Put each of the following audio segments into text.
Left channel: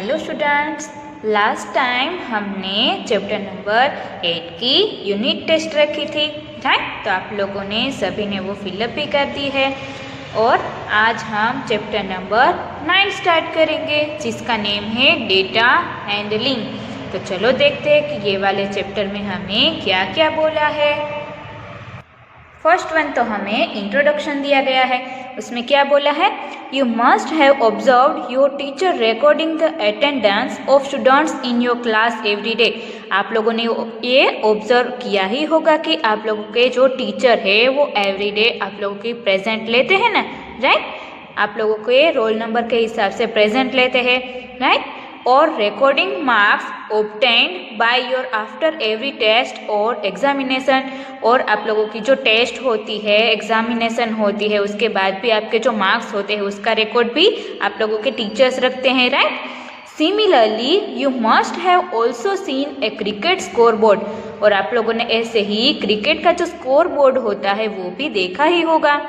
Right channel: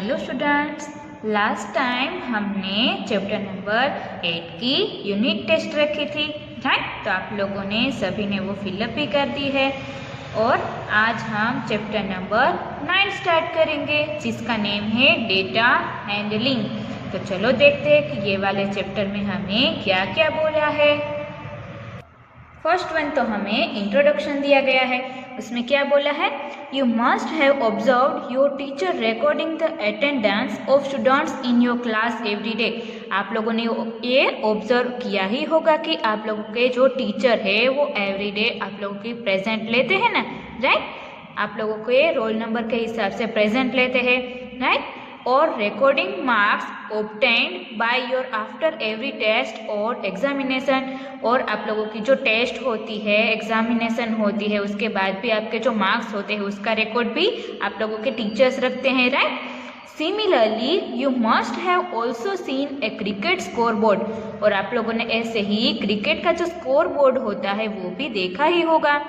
Hello students, last time हमने chapter number 8 की unit test रखी थी, राइट। तो आप लोगों ने सभी ने वो फिलअप भी कर दी है और आज हम चैप्टर नंबर 9 स्टार्ट करेंगे जिसका नेम है डेटा हैंडलिंग। तो चलो देखते हैं कि ये वाले चैप्टर में हमें क्या क्या बोला है। फर्स्ट वन तो हमें इंट्रोडक्शन दिया गया है, उसमें क्या बोला है, you must have observed your teacher recording the attendance of students in your class every day. आप लोगों ने ये ऑब्जर्व किया ही होगा कि आप लोगों के जो टीचर है वो एवरी डे आप लोगों की प्रेजेंट लेते हैं ना, राइट। आप लोगों के रोल नंबर के हिसाब से प्रेजेंट लेते हैं, राइट। और recording marks obtained by your after every test और एग्जामिनेशन, और आप लोगों की जो टेस्ट होती है, एग्जामिनेशन होती है, उसके बाद भी आपके जो मार्क्स होते हैं उसका रिकॉर्ड भी आप लोगों के टीचर्स रखते हैं, right. Similarly you must have also seen A cricket score board, और आप लोगों ने ऐसे ही क्रिकेट का जो स्कोर बोर्ड होता है वो भी देखा ही होगा।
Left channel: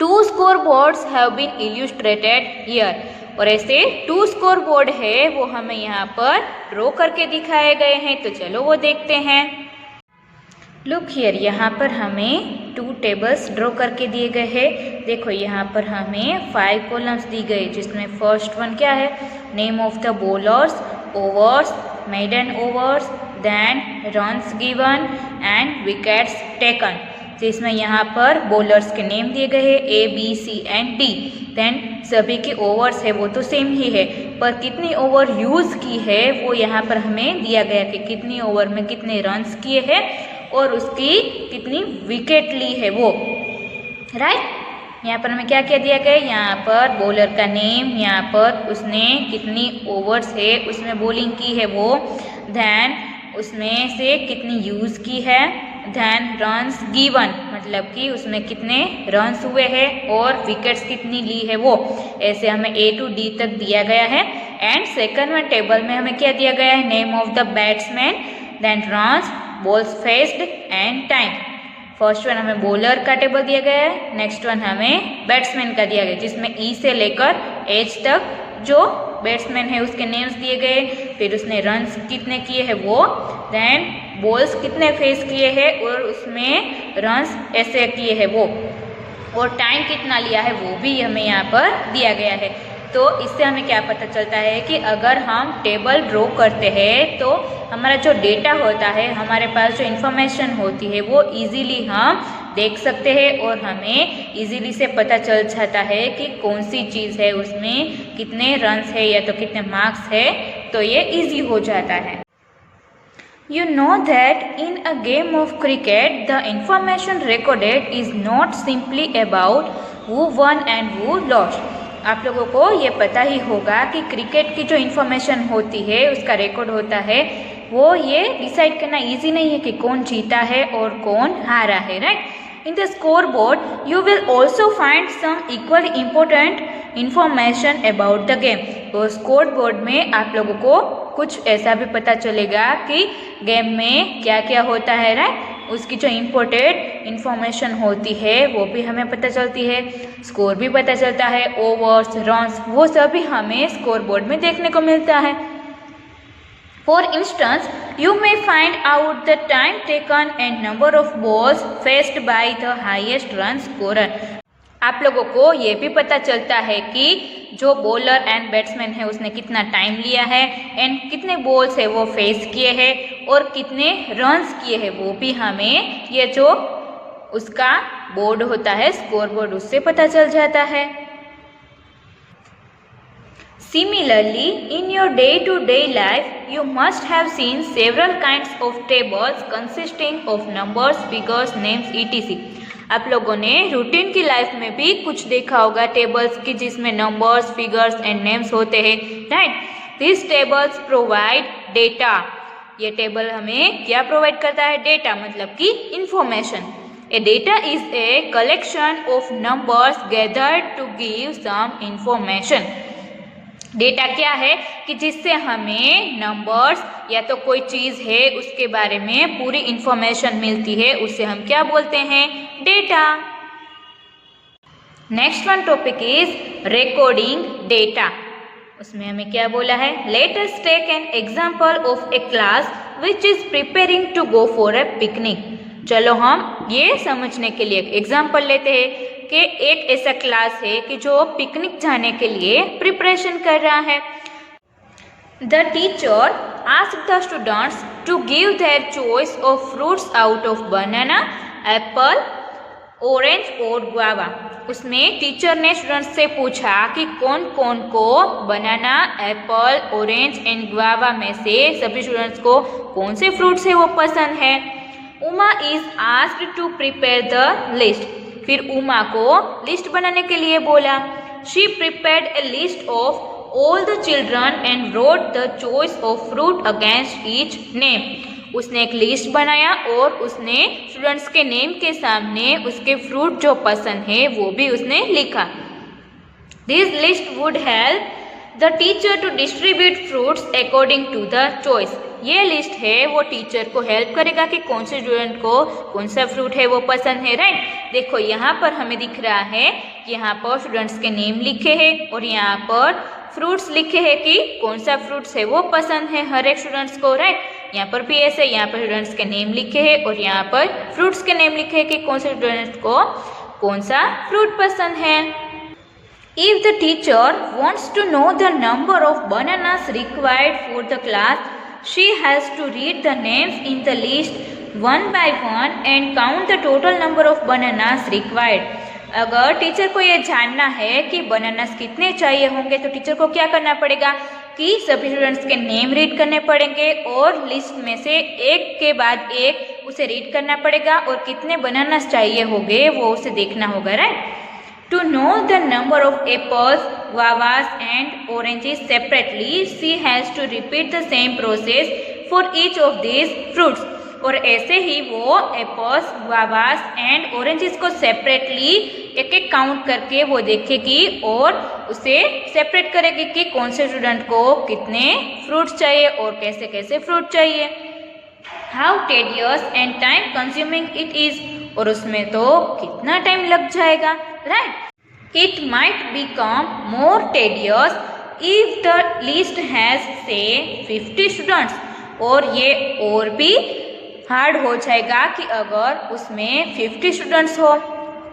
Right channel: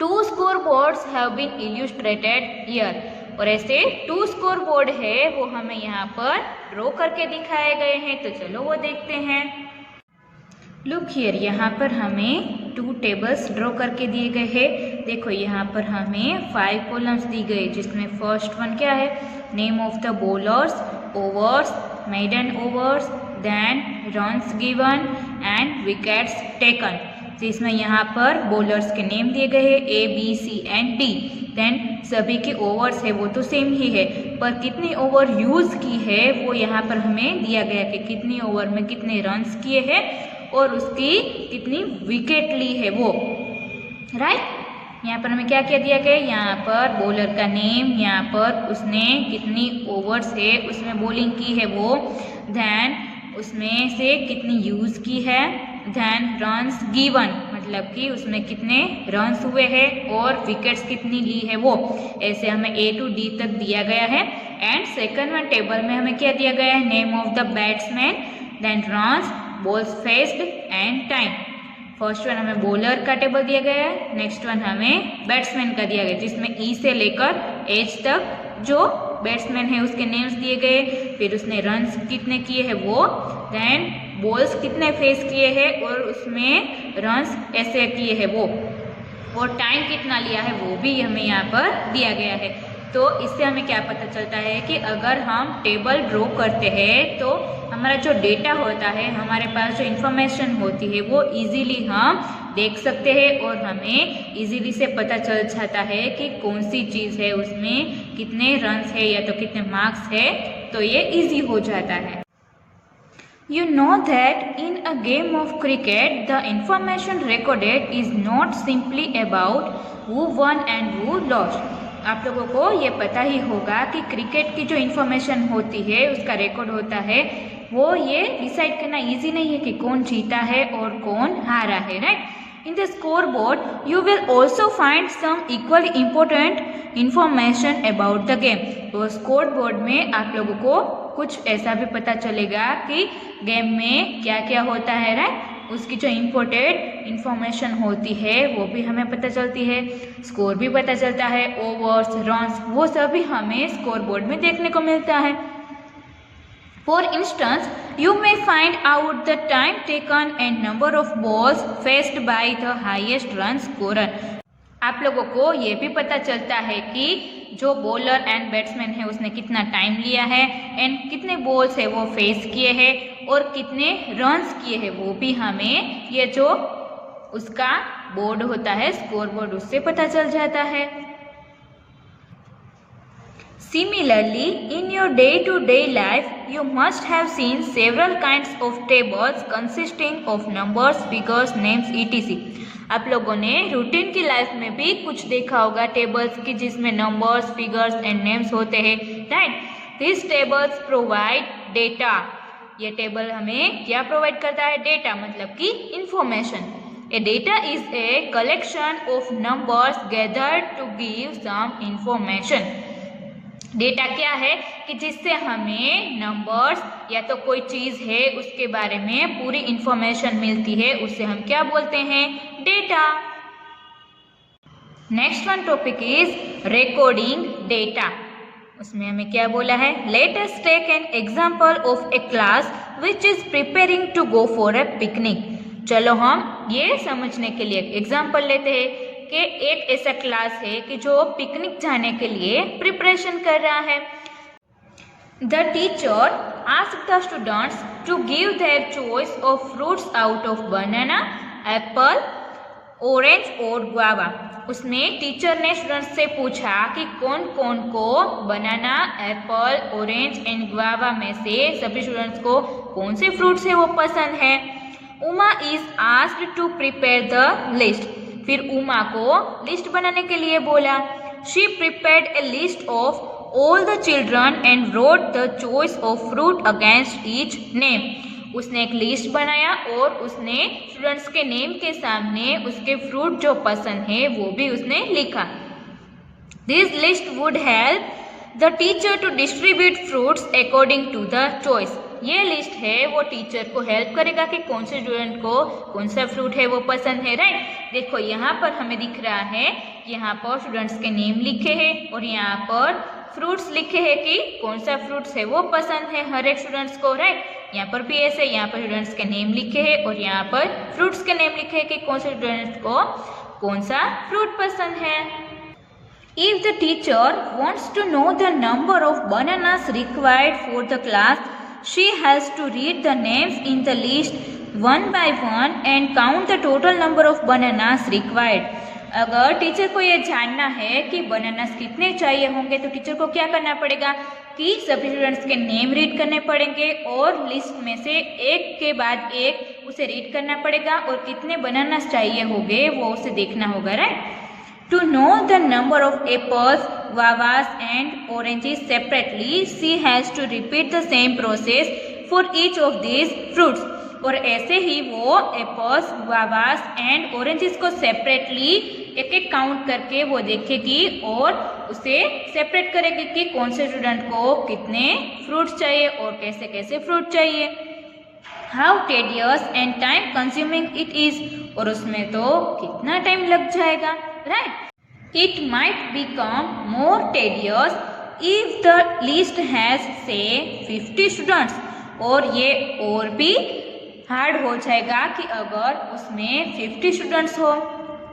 2 score boards have been illustrated here, और ऐसे 2 स्कोर बोर्ड है वो हमें यहाँ पर ड्रॉ करके दिखाए गए हैं। तो चलो वो देखते हैं। लुक हियर, यहाँ पर हमें 2 टेबल्स ड्रॉ करके दिए गए हैं। देखो यहाँ पर हमें 5 कॉलम्स दी गई, जिसमें फर्स्ट वन क्या है, name of the bowlers, overs, maiden overs, then runs given and wickets taken. तो इसमें यहाँ पर बॉलर्स के नेम दिए गए हैं A, B, C and D। Then सभी के ओवर्स है वो तो सेम ही है, पर कितनी ओवर यूज़ की है वो यहाँ पर हमें दिया गया कि कितनी ओवर में कितने रन्स किए हैं और उसकी कितनी विकेट ली है वो, राइट। यहाँ पर हमें क्या क्या दिया गया है, यहाँ पर बॉलर का नेम, यहाँ पर उसने कितनी ओवर्स है उसमें बॉलिंग की है वो, देन उसमें से कितनी यूज़ की है, देन रन्स गिवन मतलब कि उसमें कितने रन्स हुए हैं और विकेट्स कितनी ली है वो। ऐसे हमें A to D तक दिया गया है। एंड सेकंड वन टेबल में हमें क्या दिया गया है, name of the batsman, then runs, balls faced and time. First one हमें बॉलर का टेबल दिया गया है, नेक्स्ट वन हमें बैट्समैन का दिया गया जिसमें E से लेकर H तक जो बैट्समैन है उसके नेम्स दिए गए, फिर उसने रन्स कितने किए हैं वो, देन बॉल्स कितने फेस किए हैं और उसमें रन्स ऐसे किए हैं वो, और टाइम कितना लिया है वो भी हमें यहाँ पर दिया गया है। तो इससे हमें क्या पता चलता है कि अगर हम टेबल ड्रॉ करते हैं तो हमारा जो डेटा होता है, हमारे पास जो इन्फॉर्मेशन होती है वो इजीली हम देख सकते हैं और हमें इजीली से पता चल जाता है कि कौन सी चीज़ है, उसमें कितने रन्स है या तो कितने मार्क्स है, तो ये इजी हो जाता है। You know that in a game of cricket, the information recorded is not simply about who won and who lost. आप लोगों को ये पता ही होगा कि क्रिकेट की जो इन्फॉर्मेशन होती है, उसका रिकॉर्ड होता है, वो ये डिसाइड करना इजी नहीं है कि कौन जीता है और कौन हारा है, right. In the score board you will also find some equally important information about the game. तो स्कोर बोर्ड में आप लोगों को कुछ ऐसा भी पता चलेगा कि गेम में क्या क्या होता है, राइट। उसकी जो इम्पोर्टेंट इन्फॉर्मेशन होती है वो भी हमें पता चलती है, स्कोर भी पता चलता है, ओवर्स, रन्स, वो सभी हमें स्कोर बोर्ड में देखने को मिलता है। For instance you may find out the time taken and number of balls faced by the highest run scorer. आप लोगों को ये भी पता चलता है कि जो बॉलर एंड बैट्समैन है उसने कितना टाइम लिया है एंड कितने बॉल्स है वो फेस किए हैं और कितने रन्स किए हैं, वो भी हमें ये जो उसका बोर्ड होता है, स्कोर बोर्ड, उससे पता चल जाता है। Similarly, in your day-to-day life, you must have seen several kinds of tables consisting of numbers, figures, names, etc. आप लोगों ने रूटीन की लाइफ में भी कुछ देखा होगा टेबल्स की जिसमें नंबर्स, फिगर्स एंड नेम्स होते हैं, right. This tables provide data. ये टेबल हमें क्या प्रोवाइड करता है, डेटा मतलब कि information. A data is a collection of numbers gathered to give some information. Data क्या है कि जिससे हमें नंबर्स या तो कोई चीज़ है उसके बारे में पूरी इंफॉर्मेशन मिलती है, उससे हम क्या बोलते हैं, data. Next one topic is recording data. उसमें हमें क्या बोला है, let us take an example of a class which is preparing to go for a picnic. चलो हम ये समझने के लिए एग्जाम्पल लेते हैं कि एक ऐसा क्लास है कि जो पिकनिक जाने के लिए प्रिपरेशन कर रहा है। The teacher asked the students to give their choice of fruits out of banana, apple, orange और गुआवा। उसमें टीचर ने स्टूडेंट्स से पूछा कि कौन कौन को banana, apple, orange and guava में से सभी स्टूडेंट्स को कौन से फ्रूट्स है वो पसंद है। Uma is asked to prepare the list. फिर उमा को लिस्ट बनाने के लिए बोला। She prepared a list of all the children and wrote the choice of fruit against each name. उसने एक लिस्ट बनाया और उसने स्टूडेंट्स के नेम के सामने उसके फ्रूट जो पसंद है वो भी उसने लिखा। This list would help the teacher to distribute fruits according to the choice. ये लिस्ट है वो टीचर को हेल्प करेगा कि कौन से स्टूडेंट को कौन सा फ्रूट है वो पसंद है, राइट। देखो यहाँ पर हमें दिख रहा है कि यहाँ पर स्टूडेंट्स के नेम लिखे हैं और यहाँ पर फ्रूट्स लिखे हैं कि कौन सा फ्रूट्स है वो पसंद है हर एक स्टूडेंट्स को, राइट। यहाँ पर भी ऐसे यहाँ पर स्टूडेंट्स के नेम लिखे हैं और यहाँ पर फ्रूट्स के नेम लिखे हैं कि कौन से स्टूडेंट्स को कौन सा फ्रूट पसंद है। If the teacher wants to know the number of bananas required for the class, she has to read the names in the list one by one and count the total number of bananas required. अगर teacher को ये जानना है कि bananas कितने चाहिए होंगे तो टीचर को क्या करना पड़ेगा कि सभी स्टूडेंट्स के नेम रीड करने पड़ेंगे और लिस्ट में से एक के बाद एक उसे रीड करना पड़ेगा और कितने बनानास चाहिए होंगे वो उसे देखना होगा, right. To know the number of apples, guavas and oranges separately, she has to repeat the same process for each of these fruits. और ऐसे ही वो एप्पल्स, गुआवास एंड ऑरेंजेस को सेपरेटली एक एक काउंट करके वो देखेगी और उसे सेपरेट करेगी कि कौन से स्टूडेंट को कितने फ्रूट्स चाहिए और कैसे कैसे फ्रूट चाहिए। How tedious and time consuming it is, और उसमें तो कितना टाइम लग जाएगा, right? It might become more tedious if the list has say 50 students, और ये और भी हार्ड हो जाएगा कि अगर उसमें 50 स्टूडेंट्स हो।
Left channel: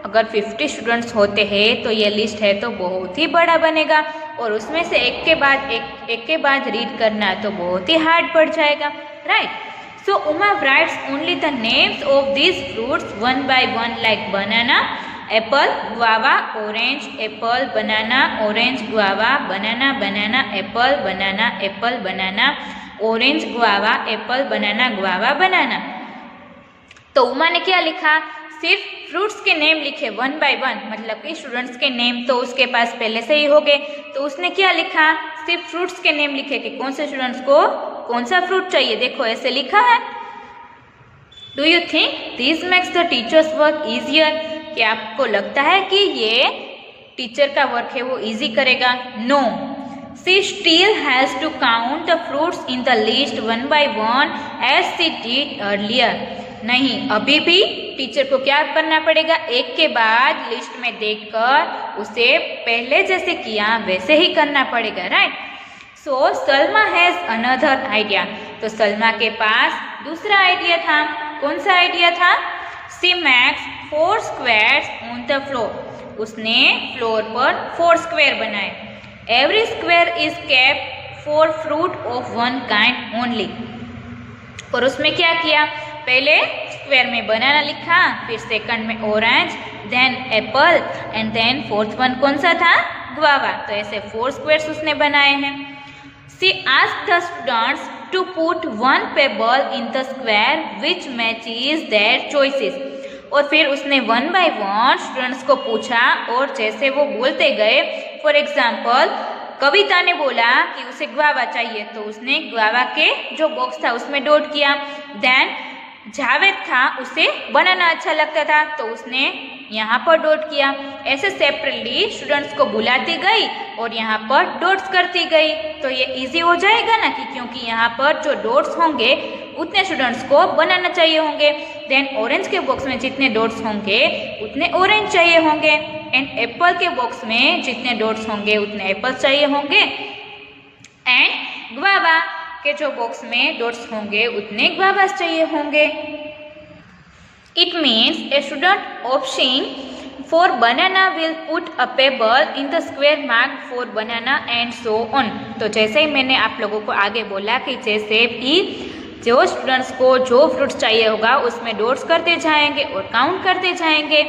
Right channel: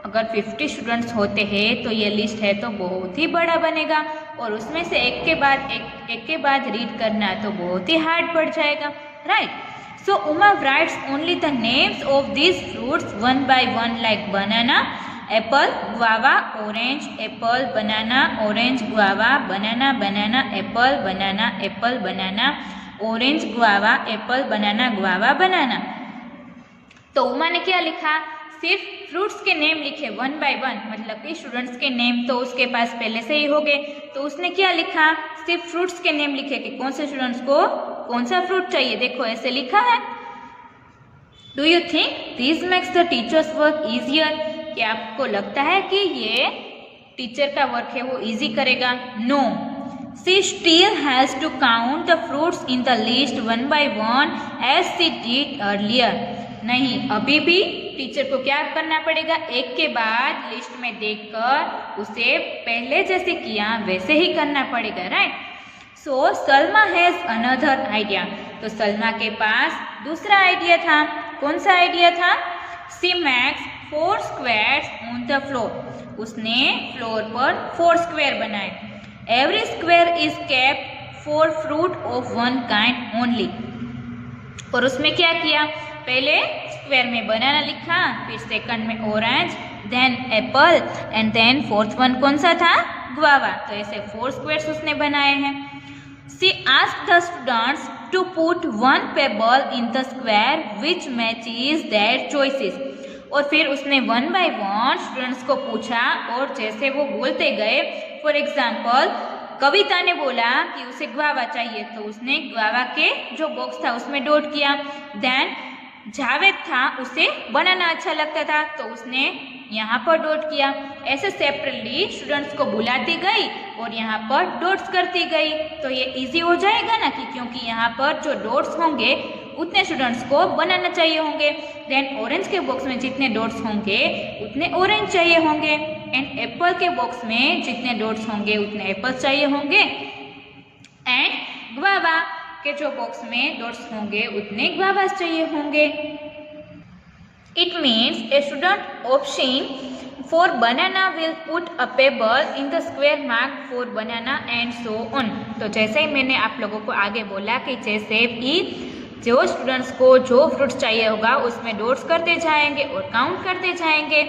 अगर 50 स्टूडेंट्स होते हैं तो ये लिस्ट है तो बहुत ही बड़ा बनेगा और उसमें से एक के बाद रीड करना तो बहुत ही हार्ड पड़ जाएगा, right. So Uma writes only the names of these fruits one by one like banana, apple, guava, orange, apple, banana, orange, guava, banana, banana, apple, banana, apple, banana, orange, guava, apple, banana, guava, banana। तो उमा ने क्या लिखा, सिर्फ fruits के name लिखे one by one, मतलब कि students के नेम तो उसके पास पहले से ही हो गए, तो उसने क्या लिखा, सिर्फ फ्रूट्स के नेम लिखे कि कौन से स्टूडेंट्स को कौन सा फ्रूट चाहिए। देखो ऐसे लिखा है। Do you think this makes the teachers work easier? क्या आपको लगता है कि ये टीचर का वर्क है वो इजी करेगा? No, she still has to count the fruits in the list one by one as she did earlier. नहीं, अभी भी टीचर को क्या करना पड़ेगा, एक के बाद लिस्ट में देखकर उसे पहले जैसे किया वैसे ही करना पड़ेगा, right. So Salma has another idea. तो सलमा के पास दूसरा आइडिया था। कौन सा आइडिया था? She makes 4 squares on the floor. उसने फ्लोर पर 4 स्क्वायर बनाए। Every square is kept for fruit of one kind only. और उसमें क्या किया, पहले स्क्वायर में बनाना लिखा, फिर सेकंड में orange, then apple and then fourth one कौन सा था, गुआवा। तो ऐसे 4 स्क्वायर्स उसने बनाए हैं। She asked the students to put one pebble in the square which matches their choices. और फिर उसने वन बाय वन स्टूडेंट्स को पूछा और जैसे वो बोलते गए, फॉर एग्जाम्पल कविता ने बोला कि उसे गुआवा चाहिए तो उसने गुआवा के जो बॉक्स था उसमें डॉट किया। देन जावेद था, उसे बनाना अच्छा लगता था तो उसने यहाँ पर डॉट किया। ऐसे सेपरेटली स्टूडेंट्स को बुलाती गई और यहाँ पर डॉट्स करती गई। तो ये इजी हो जाएगा ना, कि क्योंकि यहाँ पर जो डॉट्स होंगे उतने स्टूडेंट्स को बनाना चाहिए होंगे। देन ऑरेंज के बॉक्स में जितने डॉट्स होंगे उतने ऑरेंज चाहिए होंगे, एंड एप्पल के बॉक्स में जितने डॉट्स होंगे उतने एप्पल चाहिए होंगे। एंड ग्वावा के जो बॉक्स में डॉट्स होंगे उतने ग्वावास चाहिए होंगे। It means a student option for banana will put a payable in the square mark for banana and so on. तो जैसे ही मैंने आप लोगों को आगे बोला कि जैसे भी जो स्टूडेंट्स को जो फ्रूट्स चाहिए होगा उसमें डॉट्स करते जाएंगे और काउंट करते जाएंगे।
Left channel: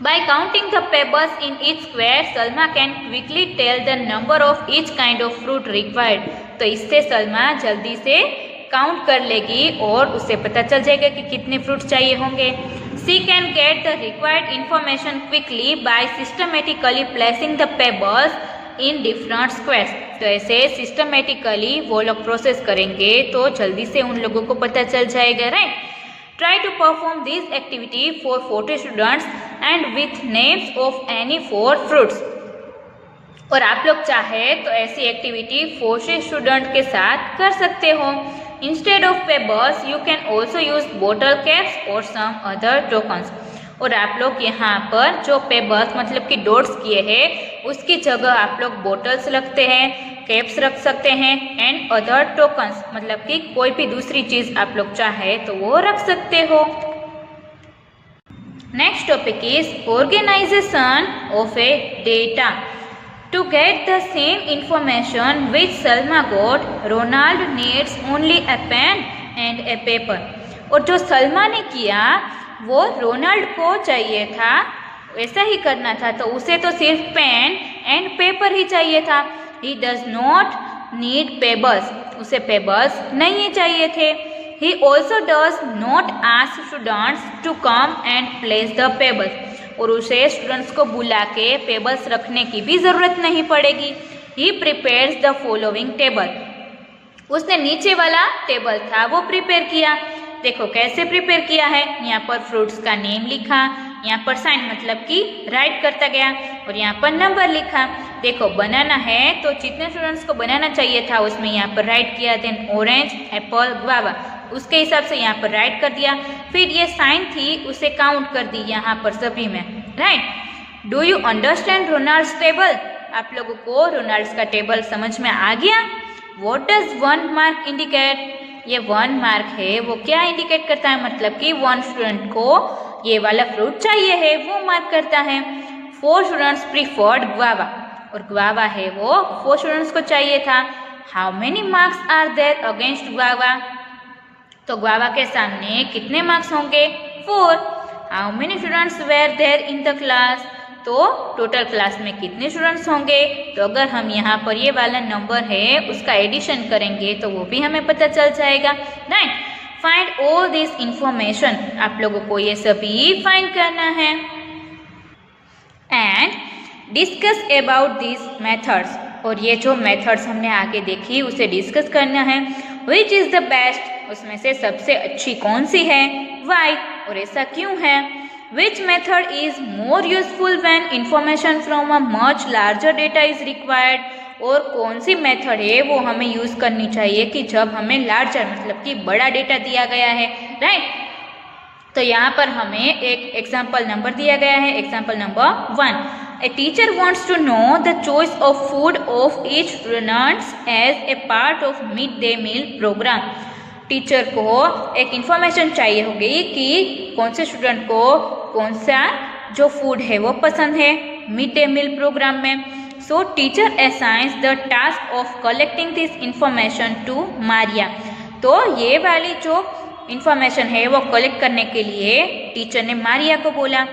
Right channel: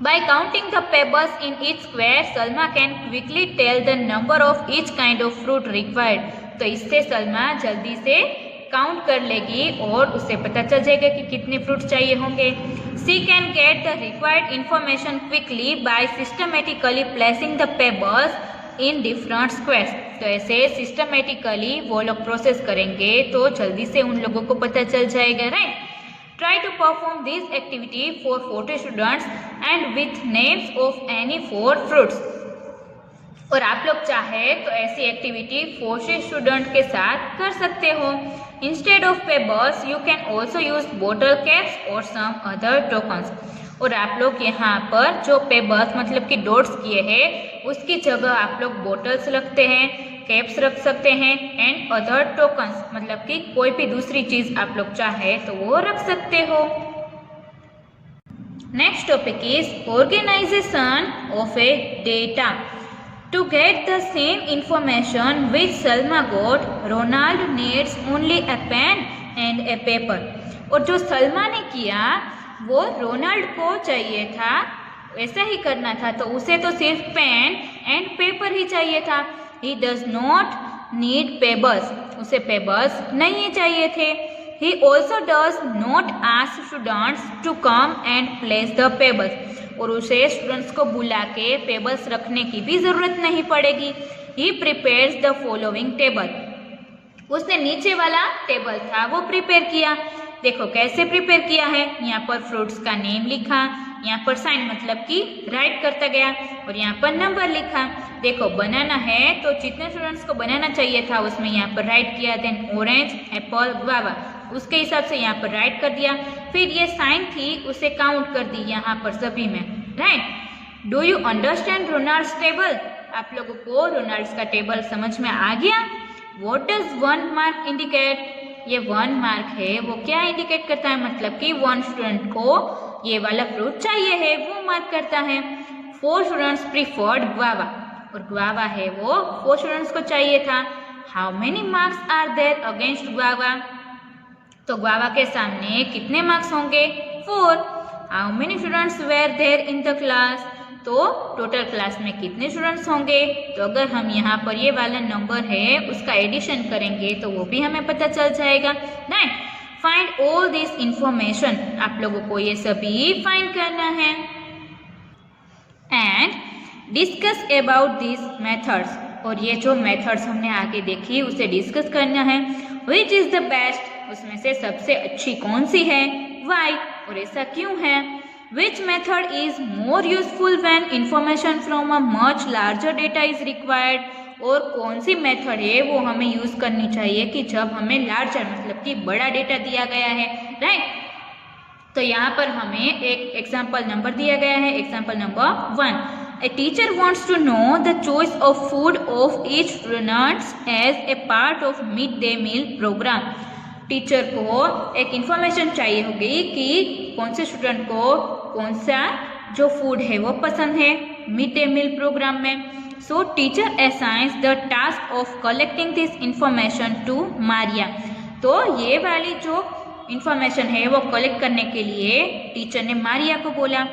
By counting the pebbles in each square, Salma can quickly tell the number of each kind of fruit required. तो इससे सलमा जल्दी से काउंट कर लेगी और उसे पता चल जाएगा कि कितने फ्रूट चाहिए होंगे। She can get the required information quickly by systematically placing the pebbles in different squares. तो ऐसे systematically वो लोग प्रोसेस करेंगे तो जल्दी से उन लोगों को पता चल जाएगा, right. Try to perform this activity for 40 students and with names of any 4 fruits. और आप लोग चाहे तो ऐसी एक्टिविटी 40 स्टूडेंट के साथ कर सकते हो। Instead of pebbles, you can also use bottle caps or some other tokens. और आप लोग यहाँ पर जो पेबल्स मतलब कि डॉट्स किए हैं उसकी जगह आप लोग बोटल्स रखते हैं, कैप्स रख सकते हैं एंड अदर टोकन्स मतलब कि कोई भी दूसरी चीज आप लोग चाहे तो वो रख सकते हो। Next topic is organisation of a data. To get the same information which Salma got, Ronald needs only a pen and a paper. और जो सलमा ने किया वो रोनाल्ड को चाहिए था, ऐसा ही करना था तो उसे तो सिर्फ पेन एंड पेपर ही चाहिए था। He does not need pebbles. उसे पेबल्स नहीं चाहिए थे। He also does not ask students to come and place the pebbles. और उसे स्टूडेंट्स को बुला के पेबल्स रखने की भी जरूरत नहीं पड़ेगी। He prepares the following table. उसने नीचे वाला टेबल था वो प्रिपेयर किया। देखो कैसे प्रिपेयर किया है, यहाँ पर फ्रूट्स का नेम लिखा, यहाँ पर साइन मतलब कि राइट करता गया और यहाँ पर नंबर लिखा। देखो बनाना है तो जितने स्टूडेंट्स को बनाना चाहिए था उसमें यहाँ पर राइट किया, देन ऑरेंज, एप्पल, गुआवा उसके हिसाब से यहाँ पर राइट कर दिया। फिर ये साइन थी उसे काउंट कर दी यहाँ पर सभी में, right. Do you understand Ronalds table? आप लोगों को रोनाल्ड्स का टेबल समझ में आ गया? What does 1 mark indicate? ये 1 मार्क है वो क्या इंडिकेट करता है, मतलब कि 1 स्टूडेंट को ये वाला फ्रूट चाहिए है वो मार्क करता है। 4 स्टूडेंट्स प्रीफर्ड गुआवा और गुआवा है वो 4 स्टूडेंट्स को चाहिए था। How many marks are there against guava? तो गुआवा के सामने कितने मार्क्स होंगे? 4। How many students were there in the class? तो टोटल क्लास में कितने स्टूडेंट्स होंगे? तो अगर हम यहाँ पर ये वाला नंबर है उसका एडिशन करेंगे तो वो भी हमें पता चल जाएगा, right. Find all this information, आप लोगों को ये सभी फाइंड करना है। And discuss about this methods, और ये जो मेथड्स हमने आगे देखी उसे डिस्कस करना है। विच इज द बेस्ट, उसमें से सबसे अच्छी कौन सी है, वाई और ऐसा क्यों है। Which method is more useful when information from a much larger data is required? और कौन सी मेथड है वो हमें यूज करनी चाहिए कि जब हमें लार्जर मतलब कि बड़ा डेटा दिया गया है, राइट। तो यहाँ पर हमें एक एग्जाम्पल नंबर दिया गया है, example number 1। A teacher wants to know the choice of food of each student as a part of midday meal program. Teacher को एक इंफॉर्मेशन चाहिए होगी कि कौन से स्टूडेंट को कौन सा जो फूड है वो पसंद है मिड डे मील प्रोग्राम में। So teacher assigns the task of collecting this information to Maria. तो ये वाली जो इंफॉर्मेशन है वो कलेक्ट करने के लिए टीचर ने मारिया को बोला।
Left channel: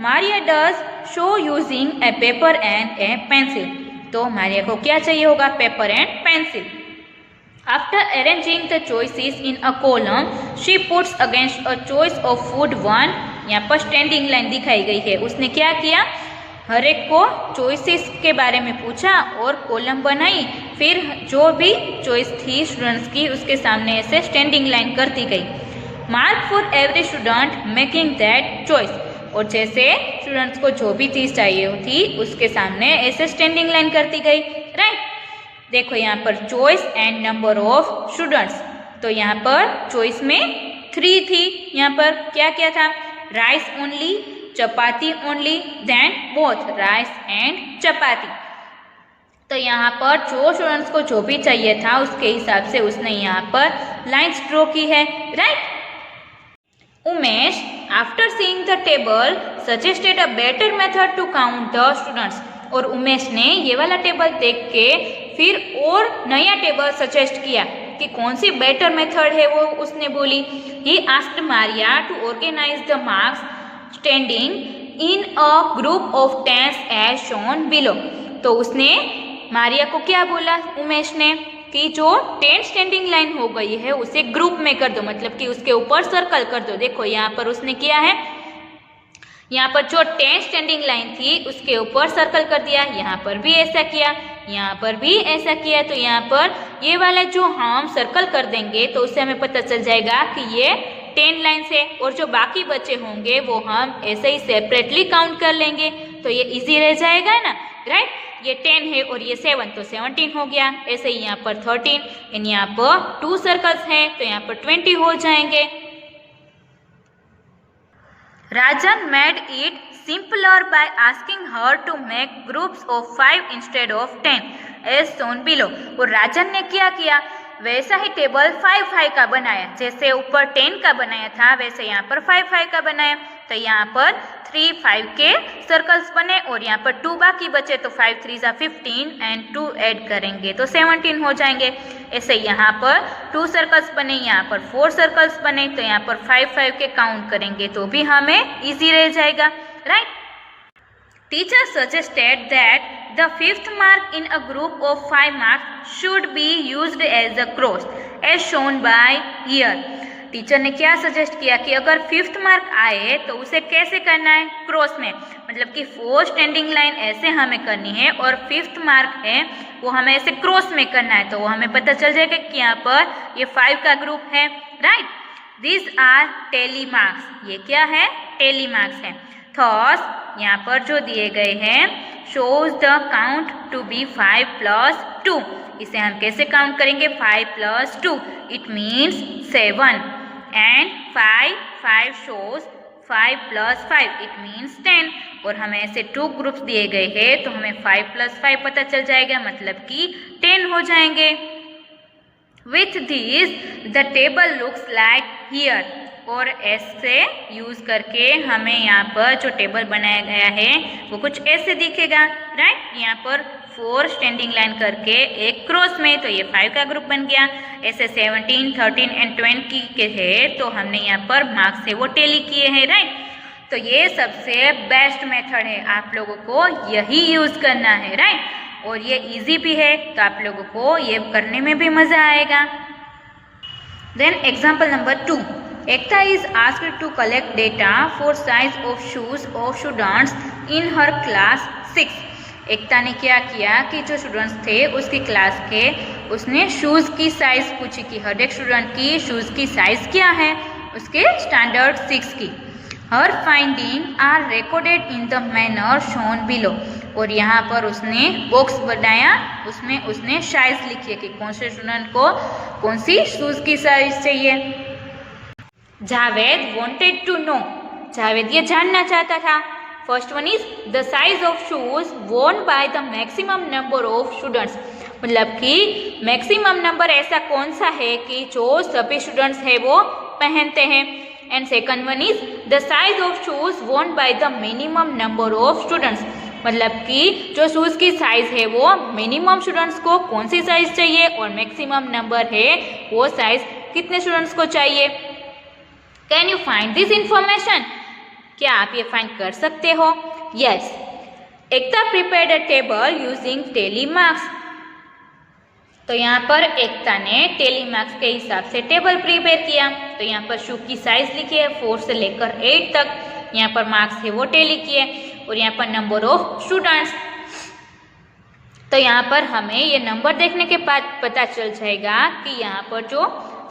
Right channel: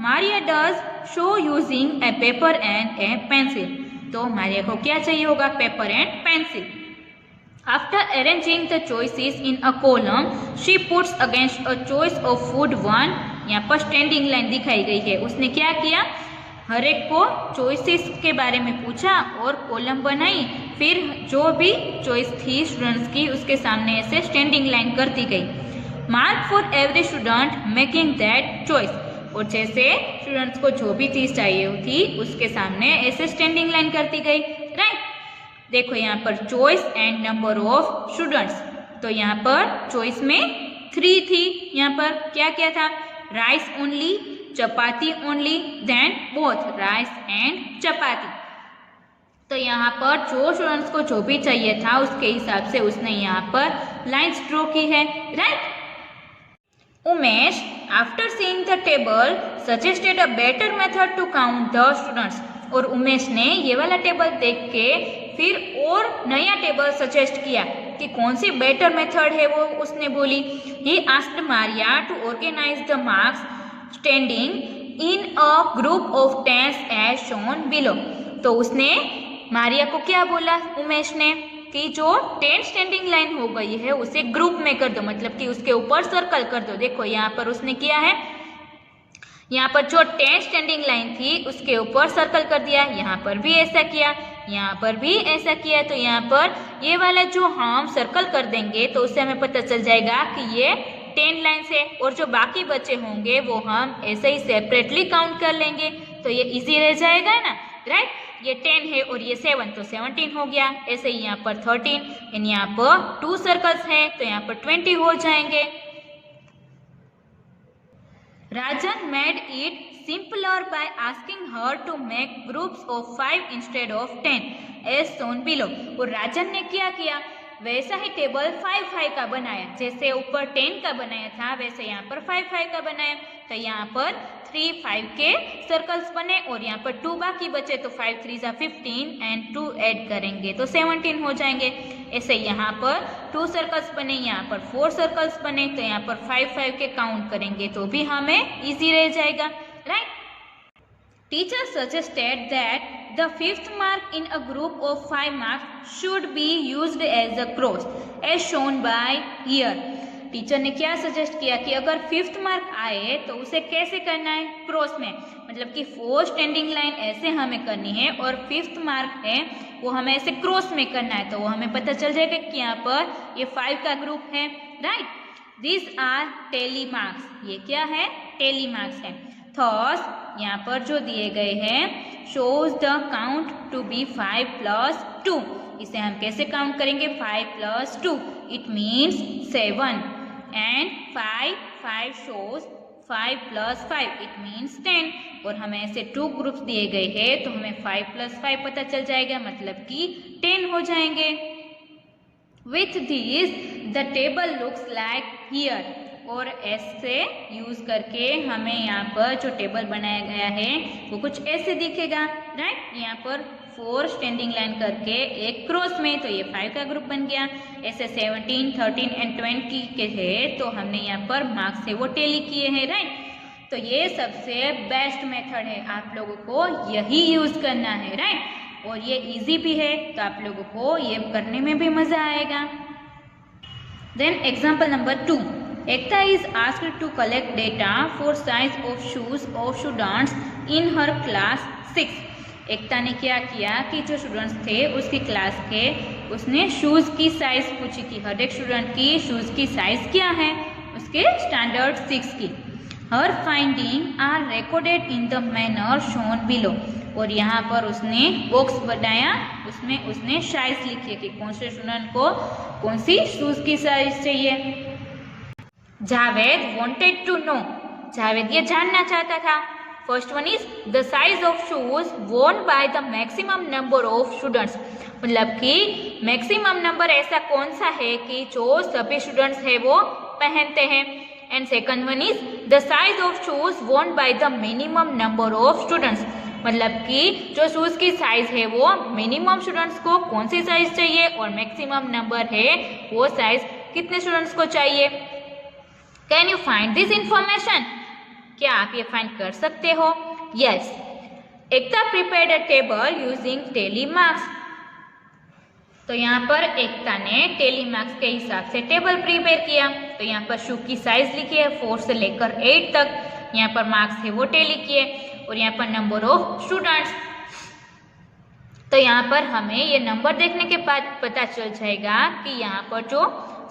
Maria does show using A paper and A pencil. तो मारिया को क्या चाहिए होगा, paper and pencil. After arranging the choices in a column, she puts against a choice of food 1. यहाँ पर स्टैंडिंग लाइन दिखाई गई है। उसने क्या किया, हर एक को चॉइसेस के बारे में पूछा और कॉलम बनाई, फिर जो भी चॉइस थी स्टूडेंट्स की उसके सामने ऐसे स्टैंडिंग लाइन कर दी गई। Mark for every student making that choice, और जैसे स्टूडेंट्स को जो भी चीज़ चाहिए थी उसके सामने ऐसे स्टैंडिंग लाइन कर दी गई, राइट। देखो यहाँ पर choice and number of students, तो यहाँ पर चॉइस में 3 थी। यहाँ पर क्या क्या था, rice only, chapati only, then both rice and chapati. तो यहाँ पर जो स्टूडेंट्स को जो भी चाहिए था उसके हिसाब से उसने यहाँ पर लाइन्स ड्रॉ की है, right. Umesh after seeing the table suggested a better method to count the students. और उमेश ने ये वाला टेबल देख के फिर और नया टेबल सजेस्ट किया कि कौन सी बेटर मेथड है वो उसने बोली। He asked Maria to organise the marks standing in a group of 10 as shown below. तो उसने मारिया को क्या बोला उमेश ने कि जो 10 स्टैंडिंग लाइन हो गई है उसे ग्रुप में कर दो, मतलब कि उसके ऊपर सर्कल कर दो। देखो यहाँ पर उसने किया है, यहाँ पर जो 10 स्टैंडिंग लाइन थी उसके ऊपर सर्कल कर दिया, यहाँ पर भी ऐसा किया, यहाँ पर भी ऐसा किया। तो यहाँ पर ये वाला जो हम सर्कल कर देंगे तो उससे हमें पता चल जाएगा कि ये 10 लाइन्स है, और जो बाकी बचे होंगे वो हम ऐसे ही सेपरेटली काउंट कर लेंगे, तो ये इजी रह जाएगा ना, राइट। ये 10 है और ये 7 तो 17 हो गया। ऐसे ही यहाँ पर 13 एंड यहाँ पर 2 सर्कल्स हैं तो यहाँ पर 20 हो जाएंगे। Rajan made it simpler by asking her to make groups of 5 instead of 10 as shown below। और राजन ने क्या किया, वैसा ही टेबल 5-5 का बनाया, जैसे ऊपर 10 का बनाया था वैसे यहाँ पर 5-5 का बनाया। तो यहाँ पर 3-5 के सर्कल्स बने और यहाँ पर 2 बाकी बचे, तो 5 3 15 एंड 2 ऐड करेंगे तो 17 हो जाएंगे। ऐसे यहाँ पर 2 सर्कल्स बने, यहाँ पर 4 सर्कल्स बने, तो यहाँ पर 5-5 के काउंट करेंगे तो भी हमें इजी रह जाएगा, right. Teacher suggested that the 5th mark in a group of 5 marks should be used as a cross as shown by here। Teacher ने क्या सजेस्ट किया कि अगर 5th मार्क आए तो उसे कैसे करना है, क्रॉस में, मतलब कि 4 स्टैंडिंग लाइन ऐसे हमें करनी है और 5th मार्क है वो हमें ऐसे क्रॉस में करना है, तो वो हमें पता चल जाएगा कि यहाँ पर ये 5 का ग्रुप है, right. This are tally marks, ये क्या है, टेली मार्क्स है। थॉस यहाँ पर जो दिए गए हैं shows the count to be 5 + 2। इसे हम कैसे काउंट करेंगे, 5 + 2 it means 7 and 5 shows 5 + 5 it means 10। और हमें ऐसे 2 ग्रुप्स दिए गए हैं तो हमें 5 + 5 पता चल जाएगा, मतलब कि 10 हो जाएंगे। With this the table looks like here. और ऐसे यूज करके हमें यहाँ पर जो टेबल बनाया गया है वो कुछ ऐसे दिखेगा, राइट। यहाँ पर 4 स्टैंडिंग लाइन करके एक क्रॉस में, तो ये 5 का ग्रुप बन गया। ऐसे 17 13 एंड 20 के है तो हमने यहाँ पर मार्क्स से वो टेली किए हैं, राइट। तो ये सबसे बेस्ट मेथड है, आप लोगों को यही यूज करना है, राइट। और ये इजी भी है तो आप लोगों को ये करने में भी मजा आएगा। Then example number 2। Ekta is asked to collect data for size of shoes of students in her class 6। एकता ने क्या किया कि जो स्टूडेंट्स थे उसकी क्लास के, उसने शूज़ की साइज़ पूछी कि हर एक स्टूडेंट की शूज़ की साइज़ क्या है, उसके स्टैंडर्ड 6 की। Her finding are recorded in the manner shown below. और यहाँ पर उसने बॉक्स बनाया, उसमें उसने साइज़ लिखी है कि कौन से स्टूडेंट को कौन सी शूज़ की साइज़ चाहिए। Javed wanted to know, Javed ये जानना चाहता था। First one is the size of shoes worn by the maximum number of students, मतलब कि मैक्सिमम नंबर ऐसा कौन सा है कि जो सभी स्टूडेंट्स है वो पहनते हैं। And second one is the size of shoes worn by the minimum number of students, मतलब कि जो शूज की साइज है वो मिनिमम स्टूडेंट्स को कौन सी साइज चाहिए और मैक्सिमम नंबर है वो साइज कितने स्टूडेंट्स को चाहिए। Can you find this information, क्या आप ये फाइंड कर सकते हो। Yes, Ekta prepared a table using tally marks. तो यहाँ पर एकता ने टेली मार्क्स के हिसाब से टेबल प्रिपेयर किया। तो यहाँ पर शू की साइज लिखी है 4 से लेकर 8 तक, यहाँ पर मार्क्स है वो टेली किए, और यहाँ पर नंबर ऑफ स्टूडेंट्स। तो यहाँ पर हमें ये नंबर देखने के बाद पता चल जाएगा कि यहाँ पर जो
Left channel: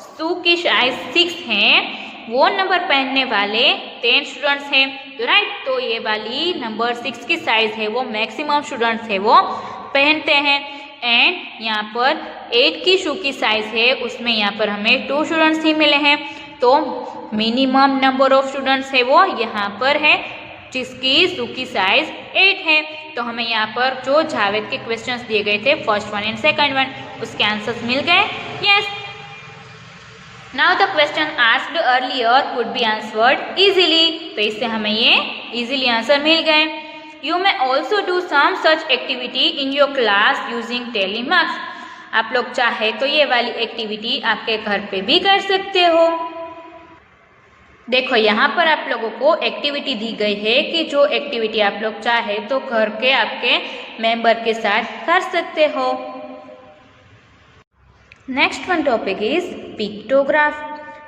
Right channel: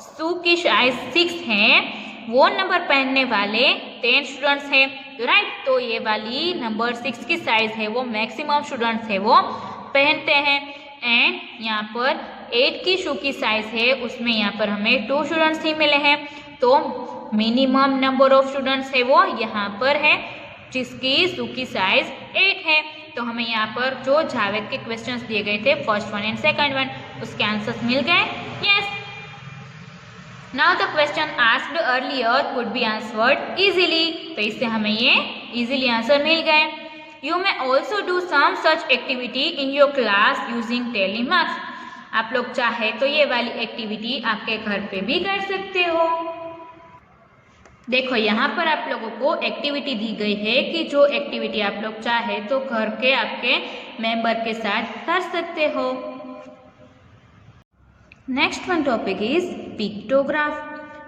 शू की साइज 6 है वो नंबर पहनने वाले 10 स्टूडेंट्स हैं, राइट। तो ये वाली नंबर 6 की साइज है वो मैक्सिमम स्टूडेंट्स है वो पहनते हैं। एंड यहाँ पर 8 की शू की साइज है उसमें यहाँ पर हमें 2 स्टूडेंट्स ही मिले हैं, तो मिनिमम नंबर ऑफ स्टूडेंट्स है वो यहाँ पर है जिसकी शू की साइज 8 है। तो हमें यहाँ पर जो जावेद के क्वेश्चंस दिए गए थे, first one and second one, उसके आंसर्स मिल गए। Yes, now the question asked earlier could be answered easily, तो इससे हमें ये इजीली आंसर मिल गए। You may also do some such activity in your class using tally marks, आप लोग चाहे तो ये वाली एक्टिविटी आपके घर पे भी कर सकते हो। देखो यहाँ पर आप लोगों को एक्टिविटी दी गई है कि जो एक्टिविटी आप लोग चाहे तो घर के आपके मेंबर के साथ कर सकते हो। Next one topic is pictograph.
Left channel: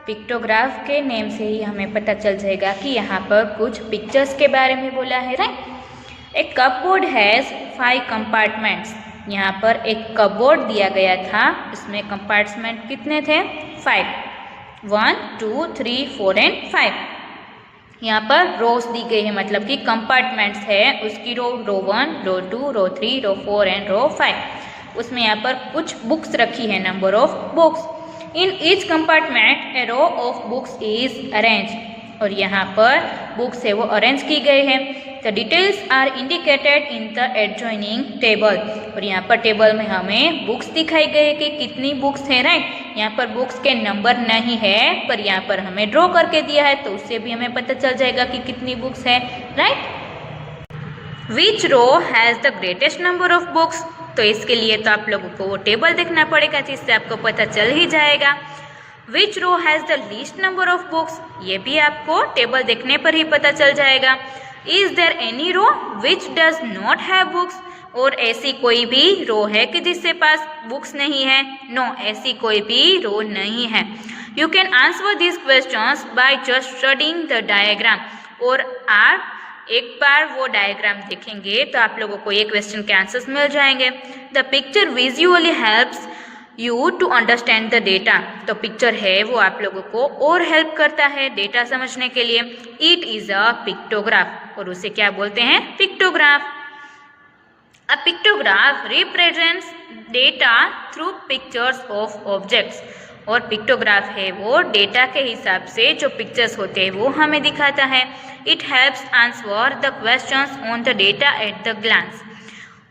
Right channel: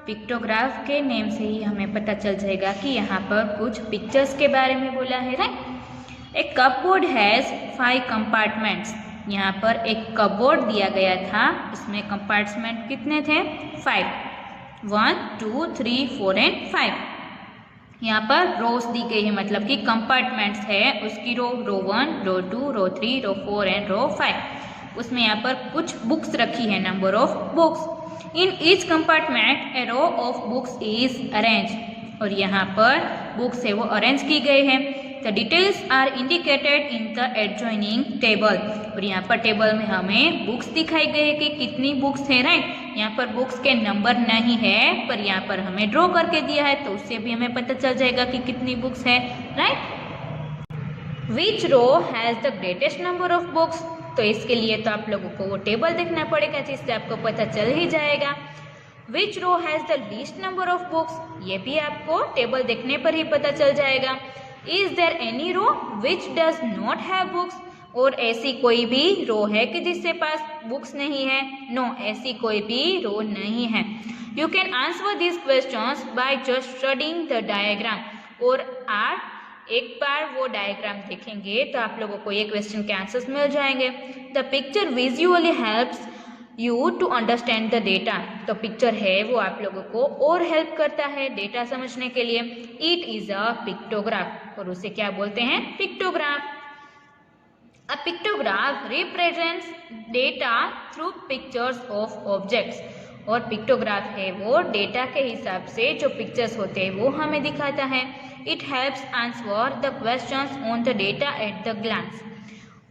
Pictograph के नेम से ही हमें पता चल जाएगा कि यहाँ पर कुछ पिक्चर्स के बारे में बोला है, right. A cupboard has 5 compartments, यहाँ पर एक कपबोर्ड दिया गया था, इसमें कंपार्टमेंट कितने थे? 5, 1 2 3 4 एंड 5। यहाँ पर रोज दी गई है, मतलब कि कंपार्टमेंट्स है, उसकी रो 1, रो 2, रो 3, रो 4 एंड रो 5। उसमें यहाँ पर कुछ बुक्स रखी है, number of books. In each compartment a row of books is arrange, और यहाँ पर बुक्स है वो अरेंज की गई है। The details are indicated in the adjoining table, और यहाँ पर टेबल में हमें बुक्स दिखाई गई है कि कितनी बुक्स है, राइट। यहाँ पर बुक्स के नंबर नहीं है, पर यहाँ पर हमें ड्रॉ करके दिया है, तो उससे भी हमें पता चल जाएगा कि कितनी बुक्स है, right. Which row has the greatest number of books, तो इसके लिए तो आप लोगों को वो टेबल देखना पड़ेगा, जिससे आपको पता चल ही जाएगा। Which row has the least number of books, ये भी आपको टेबल देखने पर ही पता चल जाएगा। Is there any row which does not have books, और ऐसी कोई भी रो है कि जिसके पास बुक्स नहीं है? नो, ऐसी कोई भी रो नहीं है। You can answer this questions by just studying the diagram, और आप एक बार वो डायग्राम देखेंगे तो आप लोगों को ये क्वेश्चन के आंसर्स मिल जाएंगे। The picture visually helps you to understand the data, तो पिक्चर है वो आप लोगों को और हेल्प करता है डेटा समझने के लिए। इट इज अ पिक्टोग्राफ, और उसे क्या बोलते हैं? Pictograph. A pictograph represents data through pictures of objects, और पिक्टोग्राफ है वो डेटा के हिसाब से जो पिक्चर्स होते हैं वो हमें दिखाता है। It helps answer the questions on the data at the glance,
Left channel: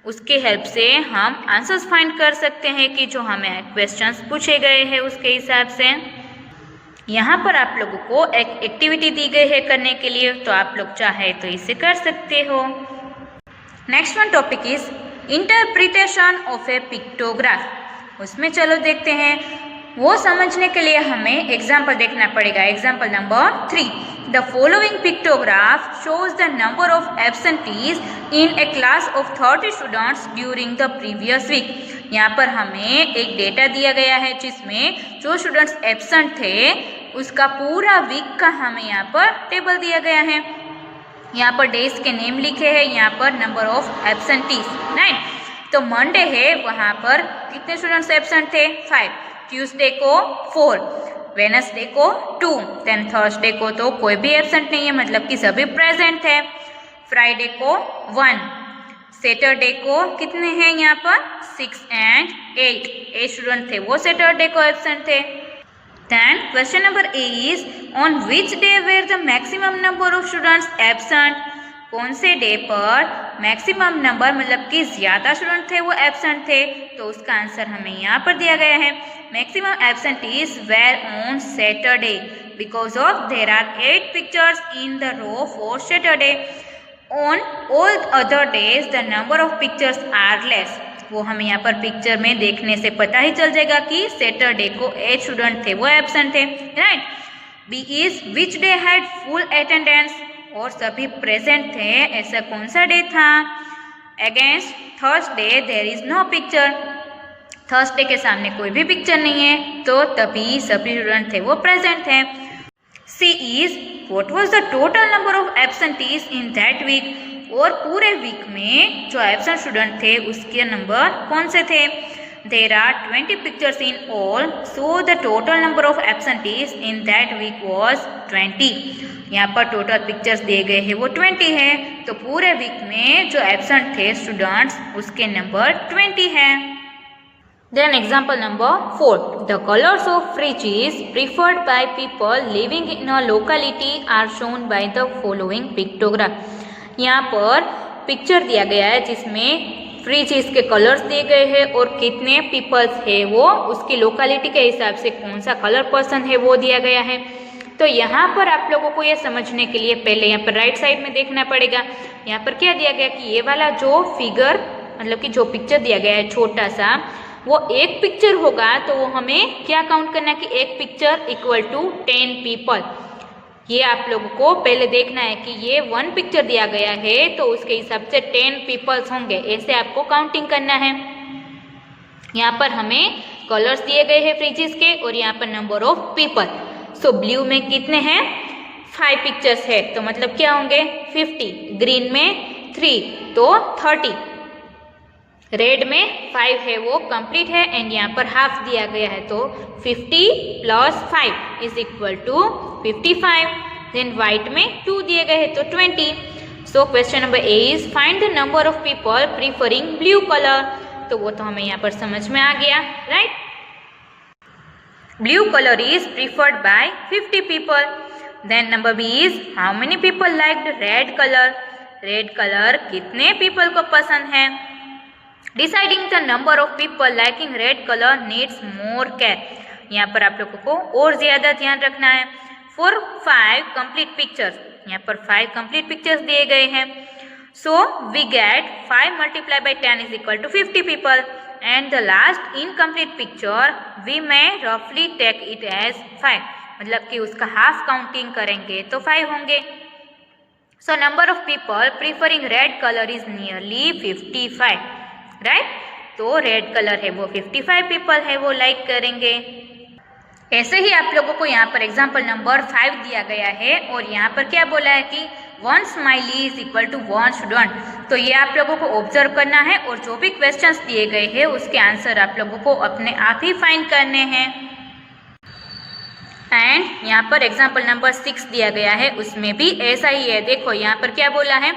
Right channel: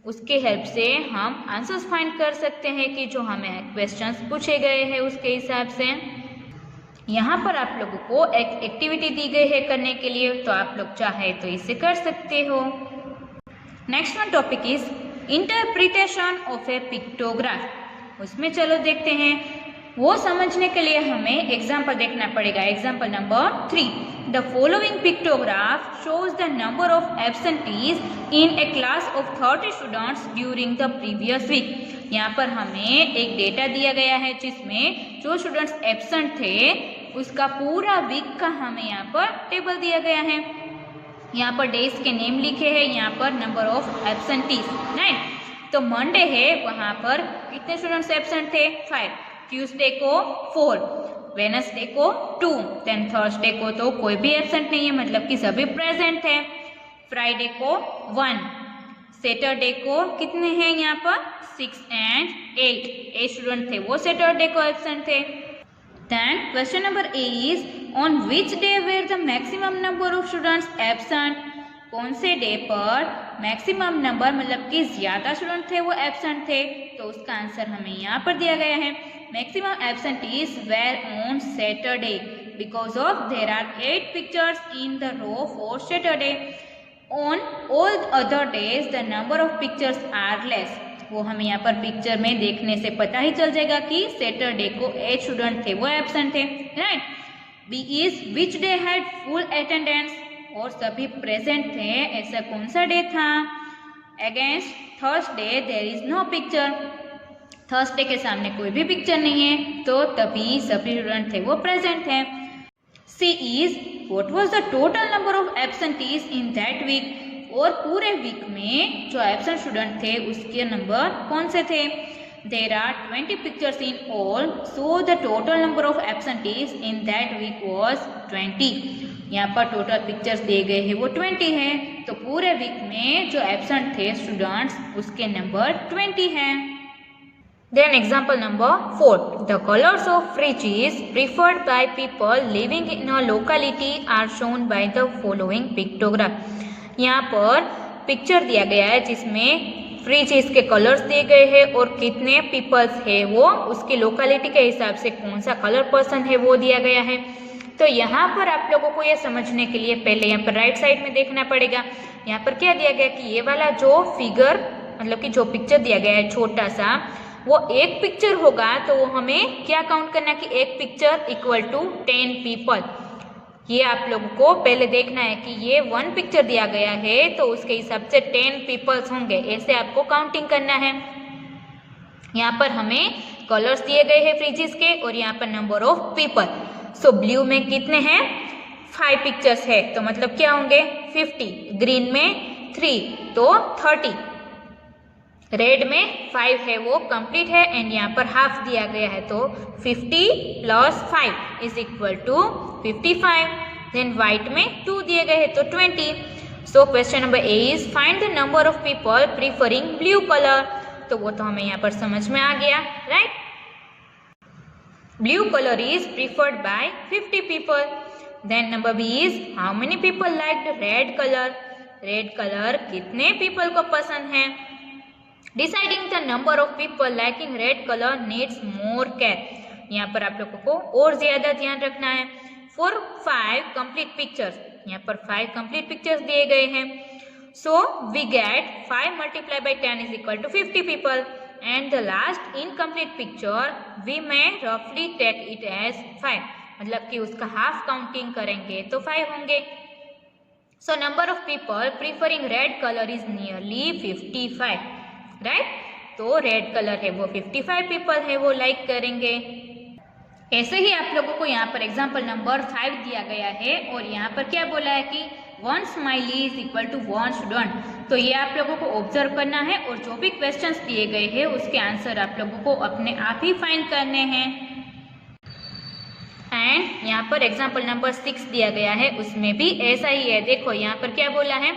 उसके हेल्प से हम आंसर्स फाइंड कर सकते हैं कि जो हमें क्वेश्चंस पूछे गए हैं उसके हिसाब से। यहाँ पर आप लोगों को एक एक्टिविटी दी गई है करने के लिए, तो आप लोग चाहे तो इसे कर सकते हो। Next one topic is interpretation of A pictograph. उसमें चलो देखते हैं, वो समझने के लिए हमें एग्जाम्पल देखना पड़ेगा। Example number 3, the following pictograph shows the number of absentees in a class of 30 students during the previous week. यहाँ पर हमें एक डेटा दिया गया है जिसमें जो स्टूडेंट्स एब्सेंट थे उसका पूरा वीक का हमें यहाँ पर टेबल दिया गया है। यहाँ पर डेज के नेम लिखे हैं, यहाँ पर नंबर ऑफ एब्सेंटीज, राइट। तो मंडे है, वहाँ पर कितने स्टूडेंट्स एब्सेंट थे? 5। ट्यूसडे को 4, वेडनेसडे को 2, देन थर्सडे को तो कोई भी एब्सेंट नहीं है, मतलब कि सभी प्रेजेंट थे। फ्राइडे को 1, सैटरडे को कितने हैं यहाँ पर? 6 एंड 8 स्टूडेंट थे वो सैटरडे को एब्सेंट थे। Then question number a is on which day were the maximum number of students absent, कौन से डे पर मैक्सिमम नंबर मतलब कि ज़्यादा स्टूडेंट थे वो एब्सेंट थे, तो उसका आंसर हमें यहाँ पर दिया गया है। Maximum absentees were on Saturday because of there are 8 pictures in the row for Saturday. On all other days the number of pictures are less, वो हमें यहाँ पर पिक्चर में देखने से पता ही चल जाएगा कि सैटरडे को 8 स्टूडेंट थे वो एब्सेंट थे, right. B is which day had full attendance, और सभी प्रेजेंट थे, ऐसा कौन सा डे था? Against Thursday there is no picture, Thursday के सामने कोई भी पिक्चर नहीं है, तो तभी सभी स्टूडेंट थे वो प्रेजेंट थे। C is what was the total number of absentees in that week, और पूरे वीक में जो एब्सेंट स्टूडेंट थे उसके नंबर कौन से थे? There are 20 pictures in all, so the total number of absentees in that week was 20। यहाँ पर टोटल पिक्चर्स दिए गए हैं वो 20 है, तो पूरे वीक में जो एब्सेंट थे स्टूडेंट्स उसके नंबर 20 है। Then example number 4, the colors of fridges preferred by people living in a locality are shown by the following pictograph। यहाँ पर पिक्चर दिया गया है जिसमें फ्रिज के कलर्स दिए गए हैं और कितने पीपल्स है वो उसकी लोकेलिटी के हिसाब से कौन सा कलर पसंद है वो दिया गया है। तो यहाँ पर आप लोगों को ये समझने के लिए पहले यहाँ पर राइट साइड में देखना पड़ेगा। यहाँ पर क्या दिया गया कि ये वाला जो फिगर मतलब कि जो पिक्चर दिया गया है छोटा सा वो एक पिक्चर होगा तो वो हमें क्या काउंट करना है कि एक पिक्चर इक्वल टू 10 पीपल। ये आप लोगों को पहले देखना है कि ये 1 पिक्चर दिया गया है तो उसके हिसाब से 10 पीपल्स होंगे, ऐसे आपको काउंटिंग करना है। यहाँ पर हमें कलर्स दिए गए हैं फ्रिजेस के और यहाँ पर number of people. So blue में कितने हैं 5 पिक्चर्स है तो मतलब क्या होंगे 50, ग्रीन में 3 तो 30, रेड में 5 है वो कंप्लीट है एंड यहाँ पर हाफ दिया गया है तो 50 + 5 is equal to 55। Then white में 2 दिए गए हैं तो 20। So question number a is find the number of people preferring blue colour. तो वो तो हमें यहाँ पर समझ में आ गया, right. Blue colour is preferred by 50 people. Then number b is how many people liked red colour. Red colour कितने पीपल को पसंद है। Deciding the number of people liking red colour needs more care. यहाँ पर आप लोगों को और ज्यादा ध्यान रखना है। फॉर 5 कंप्लीट पिक्चर्स, यहाँ पर 5 कंप्लीट पिक्चर्स दिए गए हैं। So we get 5 × 10 is equal to 50 people and the last incomplete picture we may रफली टेक इट एज 5, मतलब कि उसका हाफ काउंटिंग करेंगे तो 5 होंगे। So number of people preferring red colour is nearly 55, right. तो रेड कलर है वो 55 पीपल है वो लाइक करेंगे। ऐसे ही आप लोगों को यहाँ पर एग्जाम्पल नंबर 5 दिया गया है और यहाँ पर क्या बोला है कि 1 smiley is equal to 1 student. तो ये आप लोगों को ऑब्जर्व करना है और जो भी क्वेश्चंस दिए गए हैं उसके आंसर आप लोगों को अपने आप ही फाइंड करने हैं। एंड यहाँ पर एग्जाम्पल नंबर 6 दिया गया है उसमें भी ऐसा ही है। देखो यहाँ पर क्या बोला है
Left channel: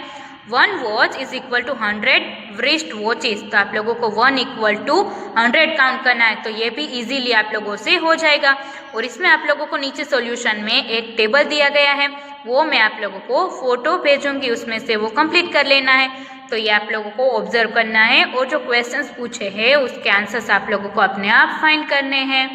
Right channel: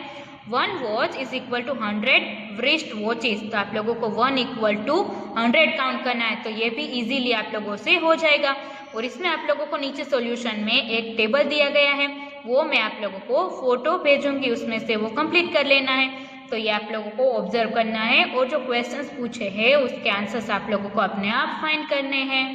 1 watch is equal to 100 wrist watches. तो आप लोगों को 1 = 100 काउंट करना है तो ये भी इजीली आप लोगों से हो जाएगा। और इसमें आप लोगों को नीचे सॉल्यूशन में एक टेबल दिया गया है वो मैं आप लोगों को फोटो भेजूंगी, उसमें से वो कंप्लीट कर लेना है। तो ये आप लोगों को ऑब्जर्व करना है और जो क्वेश्चंस पूछे हैं उसके आंसर्स आप लोगों को अपने आप फाइंड करने हैं।